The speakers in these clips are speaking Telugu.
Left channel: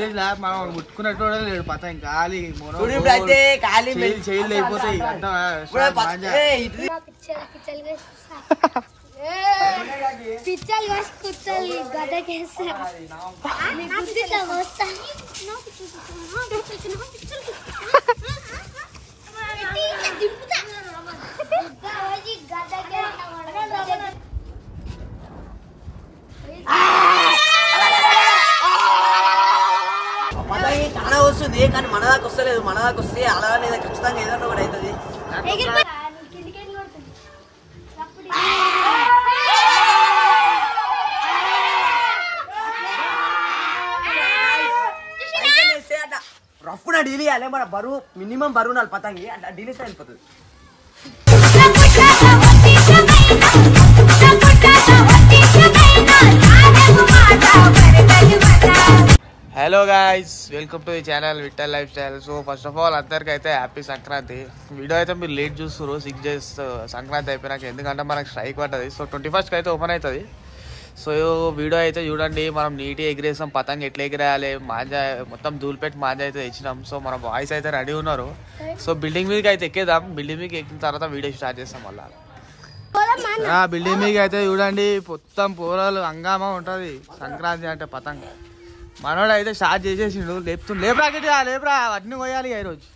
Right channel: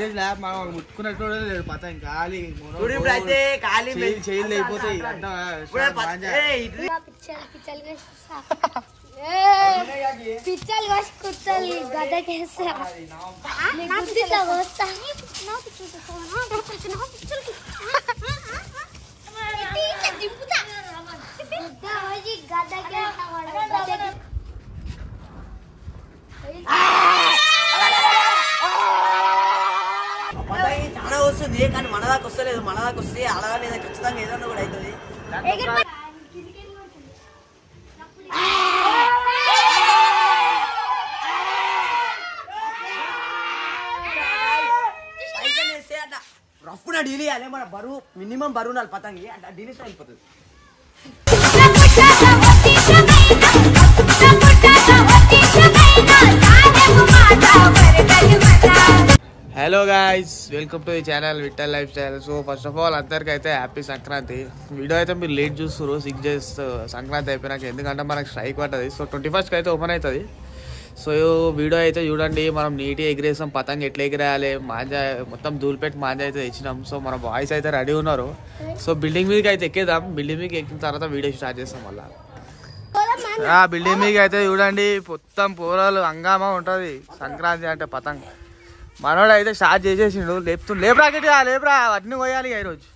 మనం ముట్టుకున్నట్టు లేడు పతంగి ఖాళీ చేయలు అయిపోతాయి పిచ్చలు వస్తాయి గడ్డకేస్తా పతంగి చాలా వస్తుంది కానీ మన దాకా వస్తలేదు. మన దాకా వస్తే అలానే ఖచ్చితంగా ఏదన్నా కూడా అవుతుంది. రఫ్గా డీల్ చేయాలి. మన బరువు మినిమం బరువు నాలుగు పతంగి అంటే డీల్ ఇస్తే వెళ్ళిపోతుంది. Hello guys, welcome to the channel Vittal life style. So first of all అందరికి అయితే హ్యాపీ సంక్రాంతి. వీడియో అయితే మీరు లేట్ చూస్తారు 6 days సంక్రాంతి అయిపోయినాక, ఎందుకంటే మనకు స్ట్రైక్ పడుతుంది. సో 21st అయితే ఓపెన్ అవుతుంది. సో వీడియో అయితే చూడండి, మనం నీట్గా ఎగిరేసాం. పతంగి ఎట్లా ఎగిరేయాలి, మాంజా మొత్తం ధూళిపెట్టి మాంజా అయితే తెచ్చినాం. సో మన బాయ్స్ అయితే రెడీ ఉన్నారు. సో బిల్డింగ్ మీదకి అయితే ఎక్కేద్దాం. బిల్డింగ్ మీదకి ఎక్కిన తర్వాత వీడియో స్టార్ట్ చేస్తాం. మళ్ళీ బిల్డింగ్ మీదకి అయితే చూడండి, మొత్తం పోరాలు హంగామా ఉంటుంది. సంక్రాంతి అంటే పతంగ్ మనోడు అయితే స్టార్ట్ చేసేసిండు. లేపురా గట్టిగా లేపురా, అన్నీ పోయాలి ఈరోజు.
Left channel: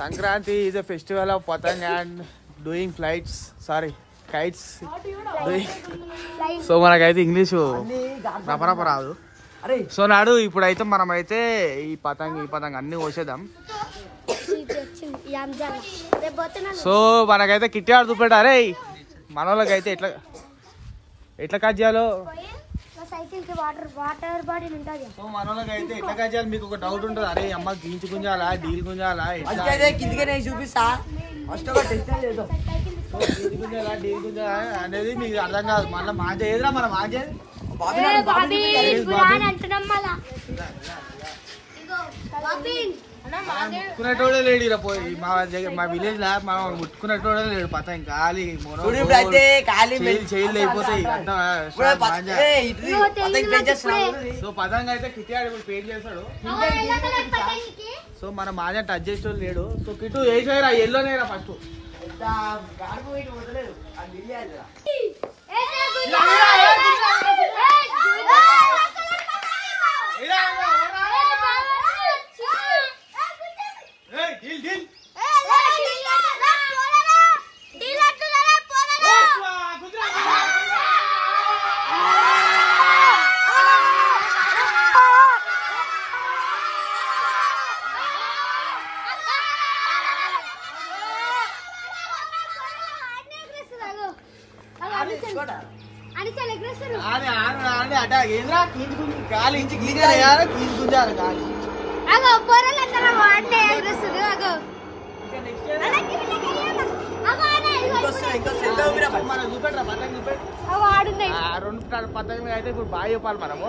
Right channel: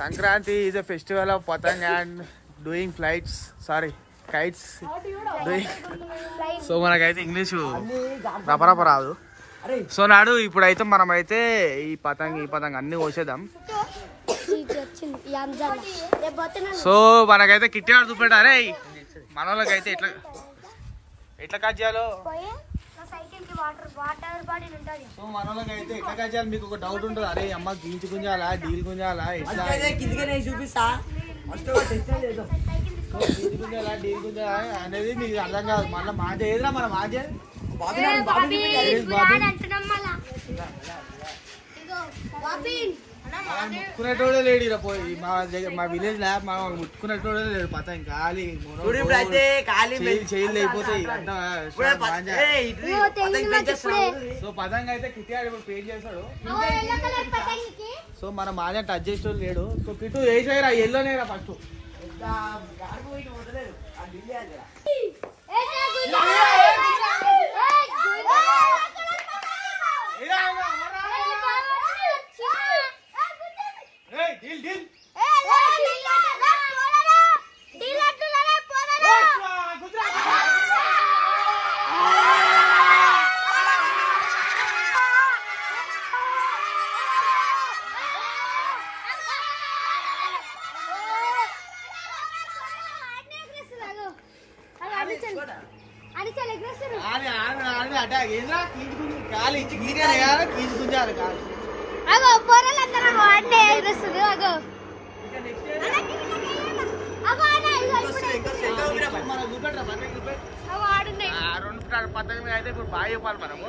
Sankranti is a festival of patang and doing flights, sorry kites doing. So మనకైతే ఇంగ్లీషు రపరప రాదు. సో నాడు ఇప్పుడైతే మనమైతే ఈ పతంగ్ అన్ని కోసేద్దాం. సో మనకైతే కిట్టాడు చూపెట్టారే మనోళ్ళకైతే ఎట్లా కట్ చేయాలో. సో మనోళ్ళకైతే ఎట్లా కట్ చేయాలి మీకు ఒక డౌట్ ఉంటుంది. అరే అమ్మ గీంచి గుంజాలా, డీల్ గుంజాలా, కిందకే చూపిస్తా డీల్ గుంజాలా, డీల్ గుంజాలా అనేది మీకు అర్థం కాదు. మళ్ళీ మాంజా ఏదిరా మన మాంజా ముట్టుకునేటోడే లేడు. మా విలేజ్ లా మనం ముట్టుకునేటోడే లేడు పతంగి ఖాళీ చేయలు అయిపోతాయి. సో పతంగి అయితే కిట్టాడు ఇప్పుడు పెయింట్ చేస్తాడు. సో మన మాజా టచ్ చేసేటోడు లేడు. సో కిట్టు వేసేరా ఎల్లోనేరా ఫస్ట్. గుంజాలి కాలి చూపెట్టరా పతంగి పతంగి అయితే ఇప్పుడు బాగా చెప్పాలి మనము.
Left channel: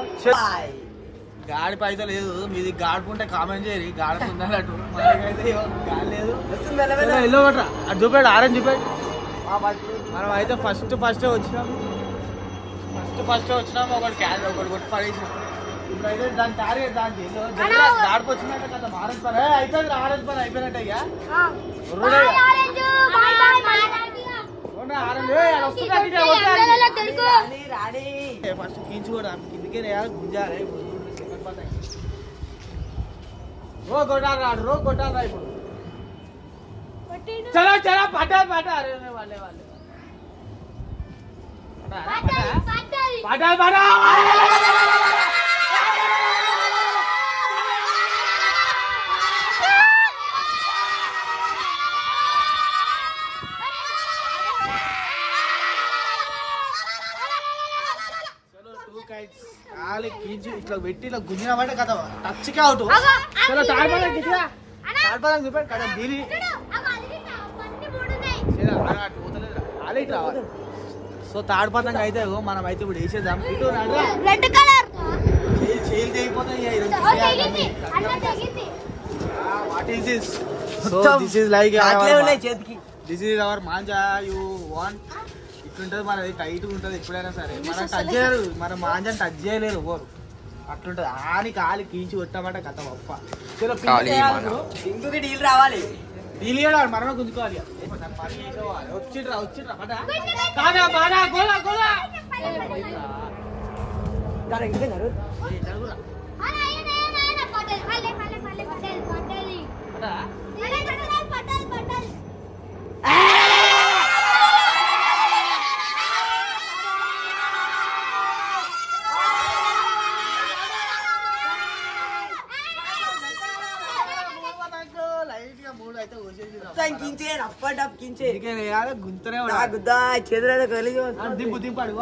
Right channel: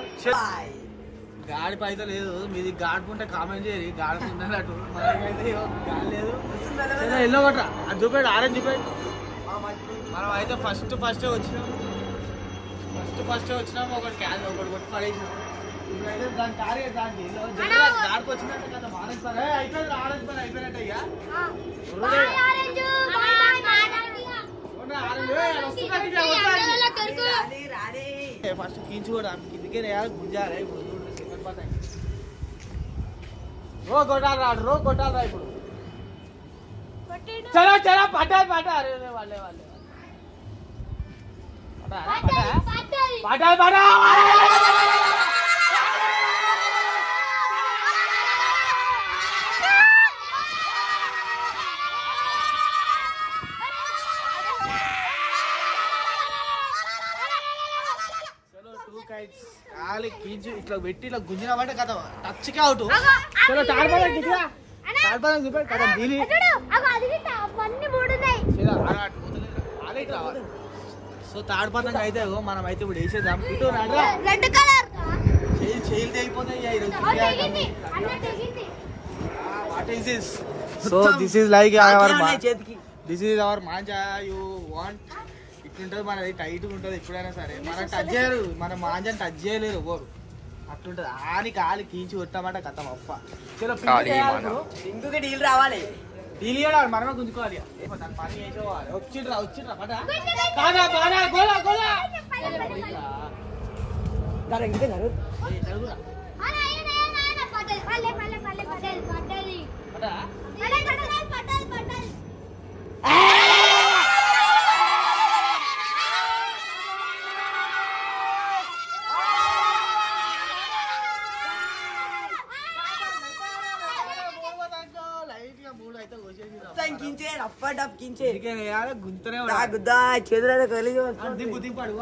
గాడి పైతే లేదు, మీది గాడుకుంటే కామెంట్ చేయరు. గాడుకుందన్నట్టు మనకైతే గాడి లేదు. ఎల్లో కొట్రా అది చూపెట్టు, ఆరెంజ్ చూపెట్టు. మనం అయితే ఫస్ట్ వచ్చినాము. ఒకటి కొట్టి పడేసాం. ఇప్పుడైతే దాని టార్గెట్ దానికి ఎల్లో గాడికి వచ్చినట్టు కదా ఆరెంజ్ పని అయిపోయింది. ఆరెంజ్ పని అయిపోయినట్టే. ఫస్ట్ కీంచు కూడా కిందికే గుంజాలి. రో కొట్టాలరా ఇప్పుడు. చలో పట్టాలి వాళ్ళే ఖాళీ కీంచు ఇట్లా పెట్టి ఇట్లా గుంజినామంటే కదా టచ్కి అవుట్. చలో చూపెట్టు కదా దీని సో తాడు పతంగా అయితే మనం అయితే ఇప్పుడు వేసేద్దాం. ఇటు రెడ్ కలర్ చేయలు తెగిపోతాయి. What is this? This is like this is our manja. You want ఇట్లుంటది మనది, టైట్ గా ఉంటది. ఎప్పుడైనా సరే మనం టచ్ చేయరు, మన మాంజాని టచ్ చేయలేరు ఎవరు. అట్లుంటది ఆని కాలి కీంచి కొట్టామంటే కథ అప్ప ఇంకొక డీల్ రావాలి డీల్ మనమే గుంజుకోవాలి పని చేసేవాళ్ళు వచ్చిండ్రా పట గుంతనే చేతులు కలిగి దింపు దింపాడు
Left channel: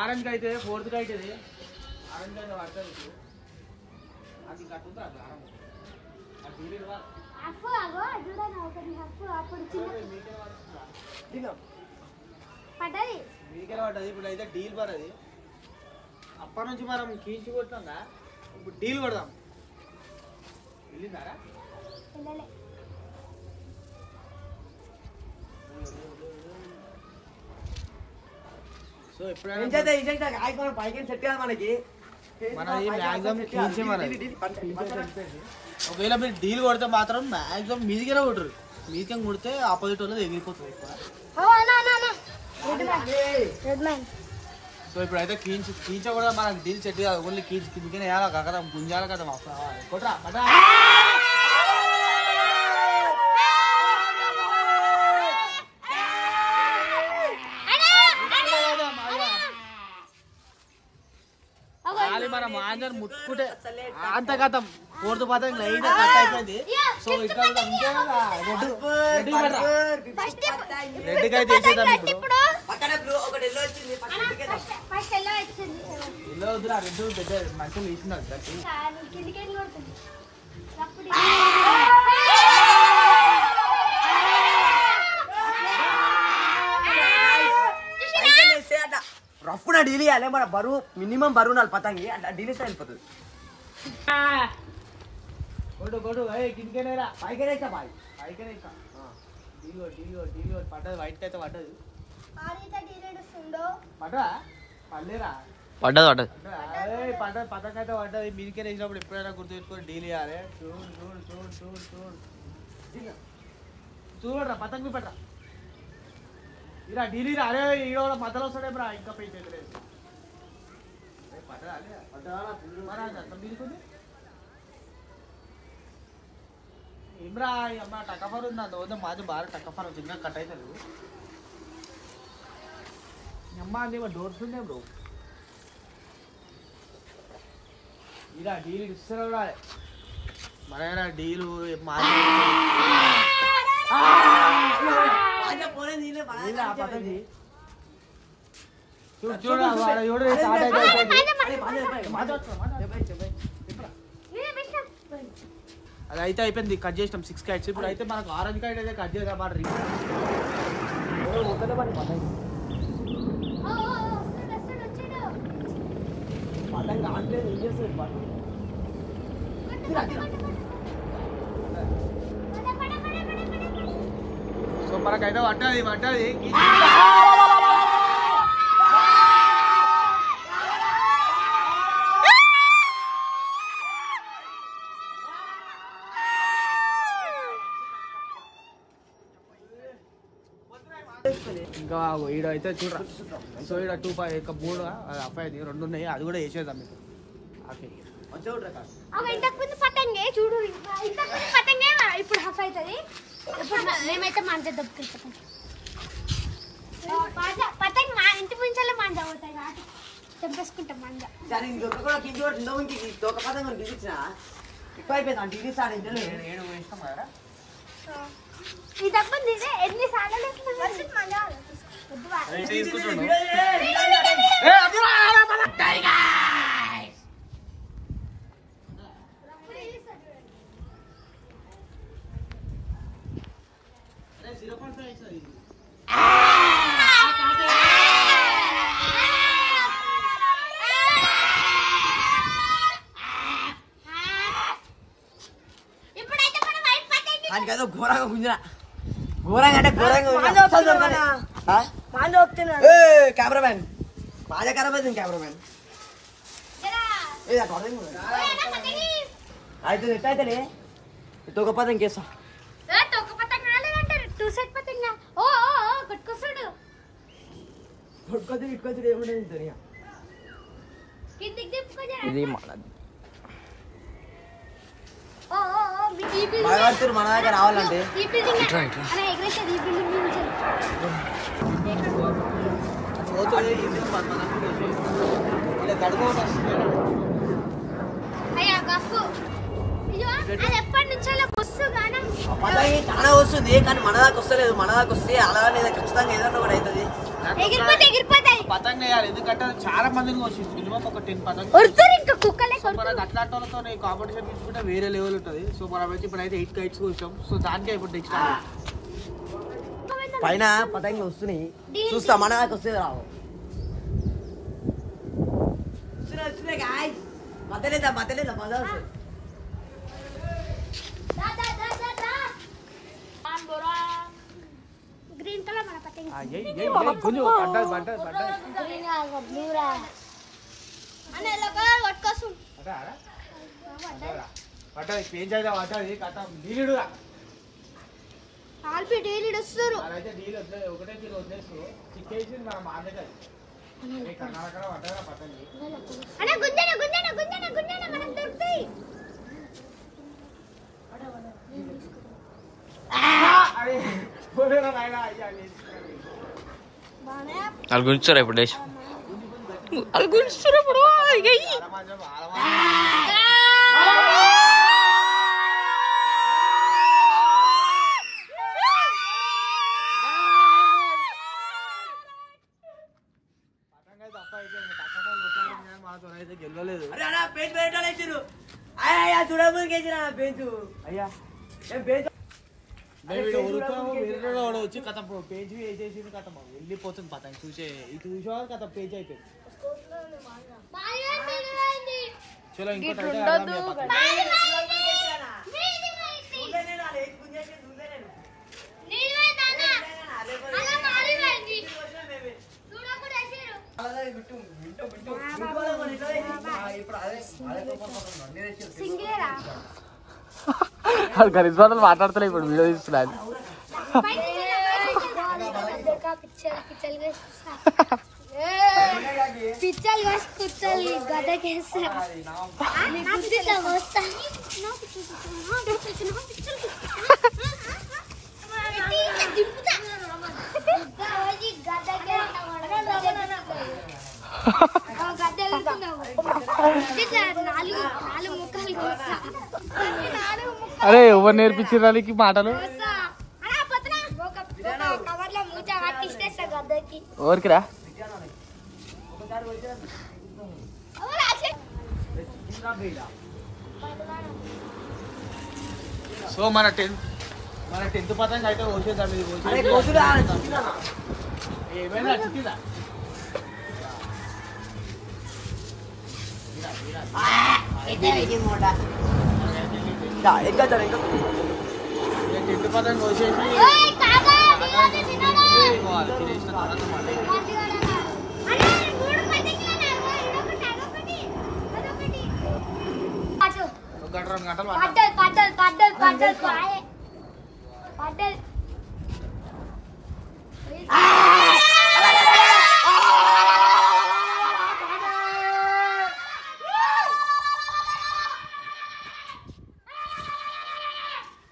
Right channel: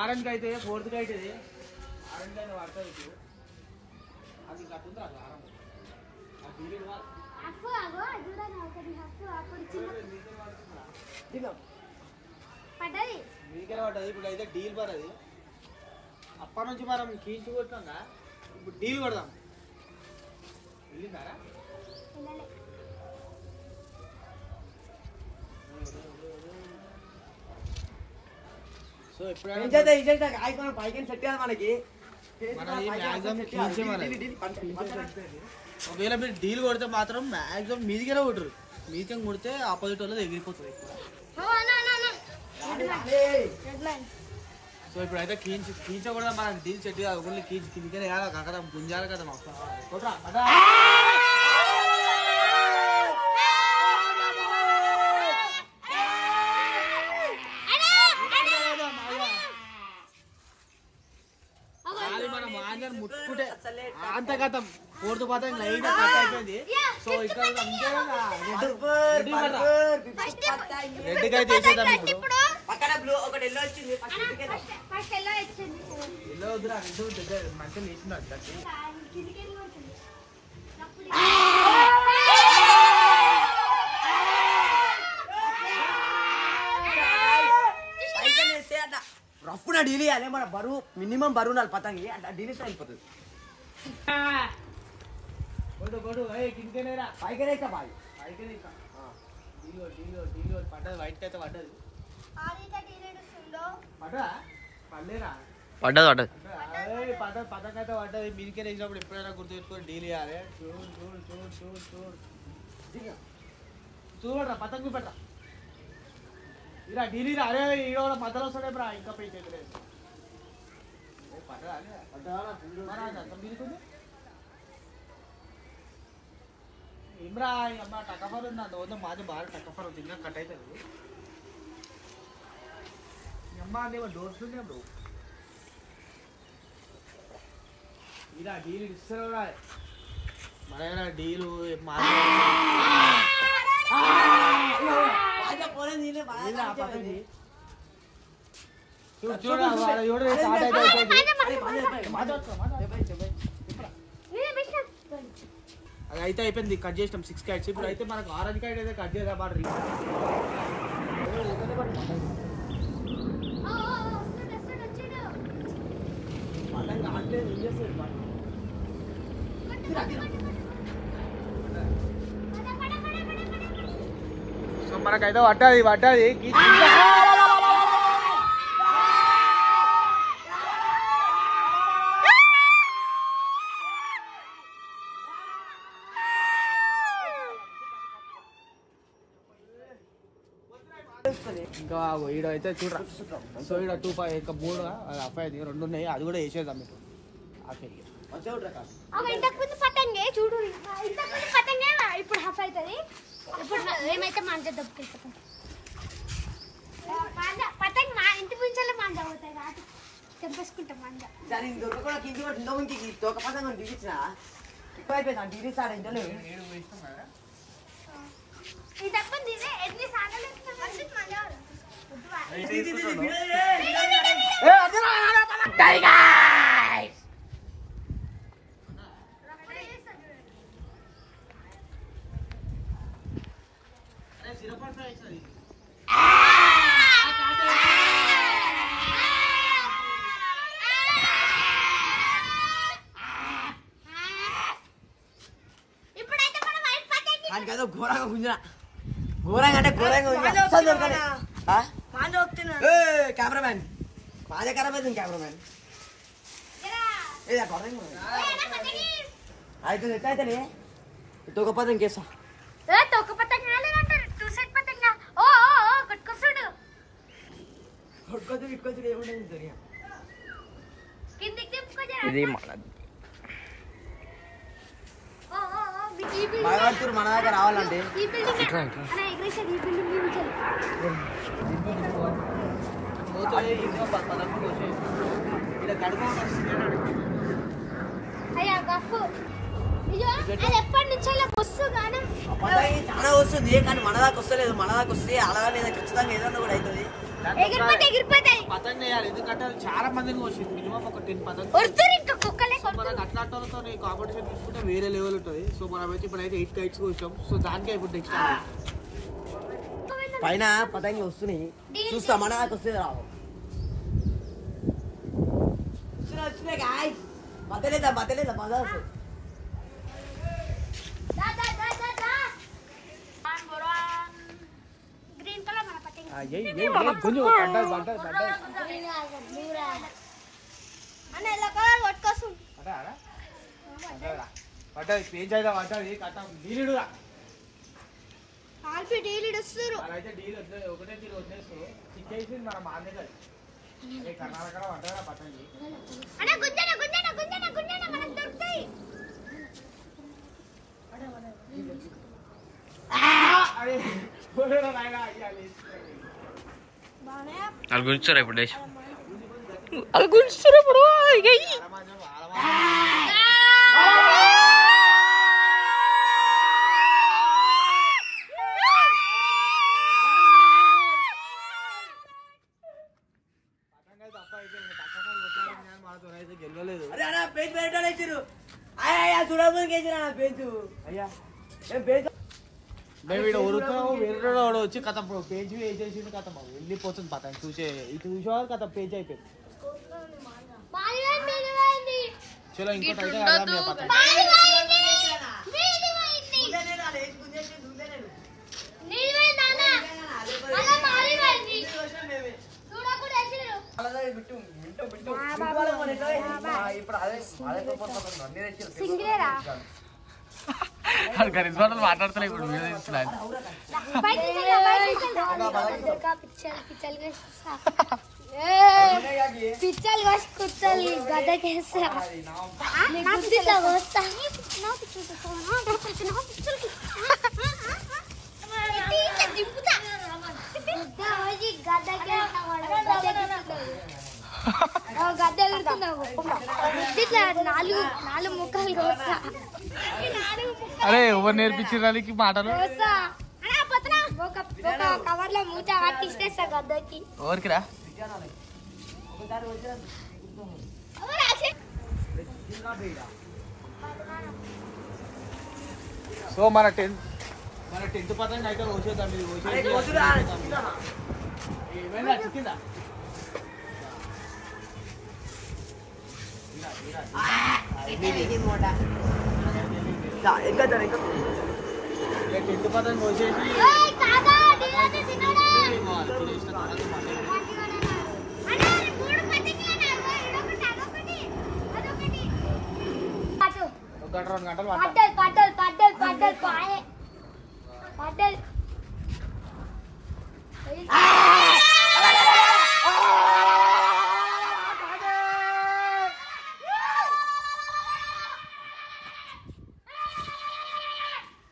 ఆరెంజ్ అయితే 4th అయితే ఆరెంజ్ అయితే పడుతుంది అది కట్టుందా మీకే పడ్డది ఇప్పుడు అయితే డీల్ పడది అప్పటి నుంచి మనం కీంచి కొట్టాక ఇప్పుడు డీల్ కొడదాం వెళ్ళిందారా సో ఎప్పుడైనా పైకి సెట్ కాదు మనకి ఒకవేళ మీరు డీల్ కొడితే మాత్రం మ్యాక్సిమం మీదికే కొట్టరు మీదికే కొడితే ఆపోజిట్ వాళ్ళది ఎగిరిపోతుంది ఎక్కువ సో ఇప్పుడైతే కీంచ కూడా మనకు డీల్ సెట్ కాదు ఓన్లీ కీంచి కిందికి కాక గుంజాలి కదా కొట్రా బటా మన మాంజర్ ముట్టుకుంటే అంత కథం 4th పదం లైట్ కట్ అయిపోయింది సో ఇక్కడ రెడ్ అయితే వేసేద్దాం ఇప్పుడు ఎల్లో వద్దురా రెడ్ మంచిగా వేసినారు రఫ్న డీల్ ఇవ్వాలి మన బరువు మినిమం బరువు నాలుగు పతంగి డీల్ ఇస్తే వెళ్ళిపోతుంది కిందకేనేరా పైకనే ఇస్తా బాయ్ పైకనే ఇస్తా డీల్ పడ్డది వైట్ అయితే పడ్డది పడ్డా పడలేరా పడ్డది పథకం అయితే పడ్డది మీదికే వేసినప్పుడు ఎప్పుడైనా గుర్తు పెట్టుకొని డీల్ ఇవ్వాలి చూడరా పతంగి పెట్టరా ఇలా డీలీ అరే ఈడ కూడా మధ్యలో వస్తాడే బ్రా ఇంకా పెయింట్ అయితే ఏమ్రా అమ్మ టకఫర్ ఉంది అంత వద్ద మాది బాగా టకఫర్ అవుతుంది ఇంకా కట్ అవుతుంది అమ్మ అదేమో డోర్తుండే బ్రో ఇలా డీలు ఇస్తారు కూడా మన డీలు మాది అది అయితే అయిపోయింది కట్ చేసినాం 6 కైట్స్ ఇప్పుడు అయితే మనకు ఆరెంజ్ కైట్ అయితే కట్ చేద్దాం మాట సో మనకైతే పడ్డది ఇంకా ఈడ అయితే చూడరా సో ఈడ 2 అఫైది 2 ఉన్నాయి అది కూడా వేసేద్దాం మీకు ఇంతకుముందు పతంగే చూడు ఇంతకుముందు పతంగే ఇప్పుడు హఫ్ అవుతుంది ఇప్పుడు మేమైతే మాంజ దబ్బుకెళ్ళిపోతాం పతంగ్ మా ఇంటి ముంచెల్లే మాంజ అవుతాయి కాబట్టి తెంపేసుకుంటాం మాంజ ఎక్కువ అయిపోయింది డీల్ ఇంతకుముందు ఎన్ని సార్లు వానికైతే ఘోరంగా గుంజరా ఘోరంగా అంటే ఘోరంగా కెమెరామ్యాన్ బాగా ఖరాబ్ అవుతుంది కెమెరామ్యాన్ అయితే ఎట్టయితే తొక్క పదం కేసా ఇట్టుకొచ్చుడు ఏముంటుంది ఇది భయపడుతున్నారు మన దగ్గర రావాలంటే చాలా వస్తుంది కానీ మన దాకా వస్తలేదు మన దాకా వస్తే అలాగే ఖచ్చితంగా ఏదన్నా కూడా అవుతుంది పతంగ వేయాలి ఎందుకంటే చాలా మందిని వచ్చింది మినిమం ఒక 10 పతంగ మనకు అట్లాంటి వాళ్ళతో కాంపిటీషన్ తీసుకుంటే వేరే లెవెల్ ఉంటుంది సో మనం అయితే ఇప్పుడైతే 8 కైట్స్ వచ్చాం సో దానికే ఇప్పుడు నెక్స్ట్ పైన పతంగి వస్తున్నాయి చూస్తా మన దాకా వస్తే రావు మధ్యలేదా మజా వస్తుంది గ్రీన్ కలర్ మన పతంగి ఒకటే వదిలేస్తారు చిక్కేసి మన మాండగా కర్ణాటక పడ్డా పతంగి వాళ్ళు గుంచుతారా ఇప్పుడు వాళ్ళు గుంచుతారా ఇప్పుడు గెలవలేదు మేము ఇక్కడ ఉరుకుతాము వేరే వాడు వచ్చి కథ పేజ్ వేసేసింది కథ వెళ్ళిపోతుంది పతంగ చూసే ఇటు చూసేవారు కథ పేజ్ అయిపోయింది చలో ఇంకోటి అయితే పతంగ గరిజ్బాటలు మాట్లాడుతున్నా ఇప్పుడు వీడియో తీస్తున్నాను పిచ్చలు కూర్చోాలి గడ్డకేస్తా నాలుగు ముక్కలు అరే ఎవరు నేర్పించడానికి మాటలు కవర్ లో మూత పట్టిస్తా గద్దకి ఎవరికిరా సో మన 10th పతంగ అయితే కోసేద్దాం ఇది ఏమైనా చిక్కిందా ఇంటి పదం కోసేసి తినేసిన తర్వాత మళ్ళీ ఒక 2 గంటలు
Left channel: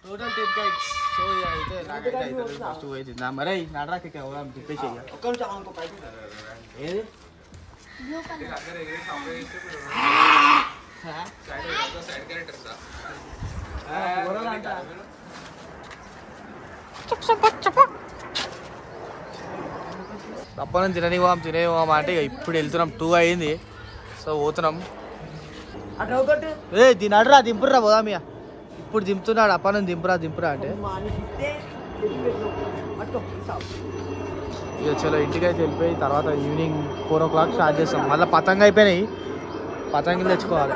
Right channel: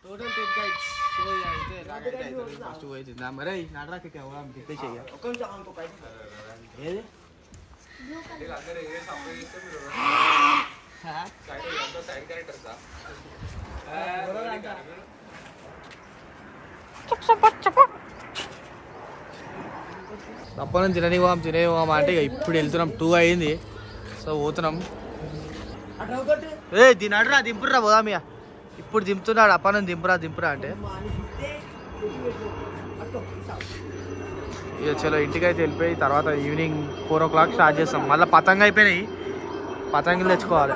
టోటల్ 10 kites. సో అయితే నాకైతే అవుతుంది ఫస్ట్ పోయి తిందా మరి నడరాకి తిప్పేసి ఏది తప్పని తినేవాం అంటే ఇక ఇప్పుడు వెళ్తున్నాం 2 అయింది సో పోతున్నాం దీని అడరా దింపుర్రా పోదామియా ఇప్పుడు దింపుతున్నాడు అప్పనం దింపురా అంటే ఇక చలో ఇంటికైతే వెళ్ళిపోయి తర్వాత ఈవినింగ్ 4 o'clock స్టార్ట్ చేస్తాం మళ్ళీ పతంగ అయిపోయినాయి పతంగులు తెచ్చుకోవాలి